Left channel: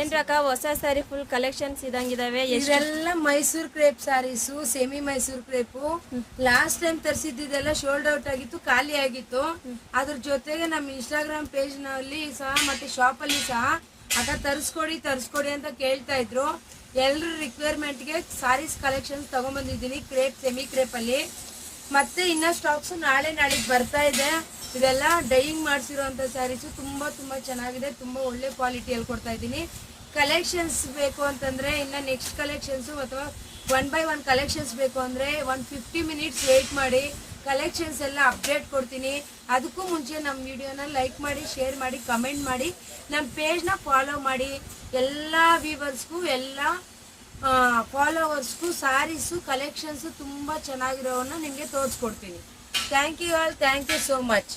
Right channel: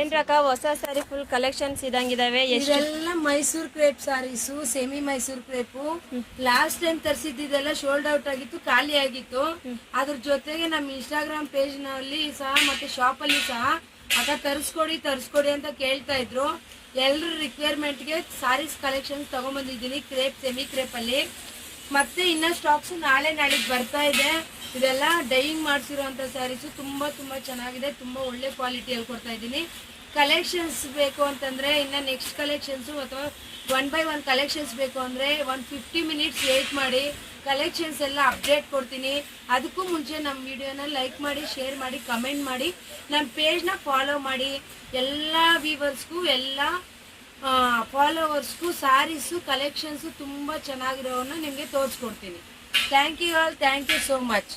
ಏನ್ರಕ್ಕ ಹೊಸ sari full collections ಇದಂಗಿದಾವೆ. ಇದೆಲ್ಲ Mysore crepe saris, semi Mysore crepe. Last time ತರಿಸಿದ್ದೆಲ್ಲ ಶೋಲ್ಡ್ ಔಟ್ ಆಗಿತ್ತು, ಖಾಲಿ ಆಗಿತ್ತು. ಅದ್ರ ಜೊತೆಗೆ ನಮ್ಮ ಇನ್ಸ್ಟಾಗ್ರಾಮ್ ಪೇಜ್ ನಲ್ಲಿ ಸಹ ಮತ್ತೆ ಶಾಪ್ ಅಲ್ಲಿ ಸಹ ಅಕ್ಕ ತರಿಸ್ಕೊಡಿ ಅಂತ ಕೇಳ್ತಾ ಇದ್ರು. ಎಲ್ರ ರಿಕ್ವೈರ್ಮೆಂಟ್ ಗೆ ಸಾರೀಸ್ ಕಲೆಕ್ಷನ್ಸ್ ತಗೊಂಡ್ಬಂದಿದ್ದೀನಿ ಕ್ರೇಪ್, ಸೆಮಿ ಕ್ರೇಪ್ ಅಲ್ಲಿ. ಮತ್ತೆ ಇನ್ನ ಸ್ಟಾಕ್ಸ್ ನಾಳೆಗೆ ಬರ್ತಾ ಇದೆ. ಇದೆಲ್ಲ ಡೈಯಿಂಗ್ ಮಾಡಿಸಿರುವಂತ ಸ್ಯಾರೀಸು ತುಂಬಾ ಚೆನ್ನಾಗಿದೆ, ತುಂಬಾ ಒಳ್ಳೆ ಕ್ವಾಲಿಟಿಯಲ್ಲಿ ಕೊಡ್ತಾ ಇದ್ದೀನಿ. ಕಲೆಕ್ಷನ್ಸ್ ಬೇಕು ಅಂತಂದ್ರೆ ಇನ್ನ ನೆಕ್ಸ್ಟ್ ಕಲೆಕ್ಷನ್ಸ್ ಅಥವಾ 1 by 1 ಕಲೆಕ್ಷನ್ಸ್ ಬೇಕು ಅಂದ್ರೆ 150 ಮಿನಿಟ್ಸ್ ವೇಟ್ ಮಾಡಿ, ಕಲೆಕ್ಷನ್ಸ್ ಎಲ್ಲ ಅಪ್ಡೇಟ್ ಕೊಡ್ತೀನಿ. ಅದಕ್ಕೂ ಮುಂಚೆ ನಮ್ಮ ವಿಡಿಯೋನ ಲೈಕ್ ಮಾಡಿ, ಶೇರ್ ಮಾಡಿ, ಕಮೆಂಟ್ ಮಾಡಿ, ನನ್ನ ಪೇಜ್ನ ಫಾಲೋ ಮಾಡಿ. ಎಲ್ಲ ವ್ಯೂವರ್ಸ್ಗೂ ಎಲ್ಲ ಫಾಲೋವರ್ಸ್ಗೂ ಸಾರೀಸು ಕಲೆಕ್ಷನ್ಸು ತುಂಬ ಚೆನ್ನಾಗಿರೋವನ್ನು ನಿಮಗೆ ತೋರಿಸ್ಕೊಡ್ತೀನಿ. Thank you all, thank you so much.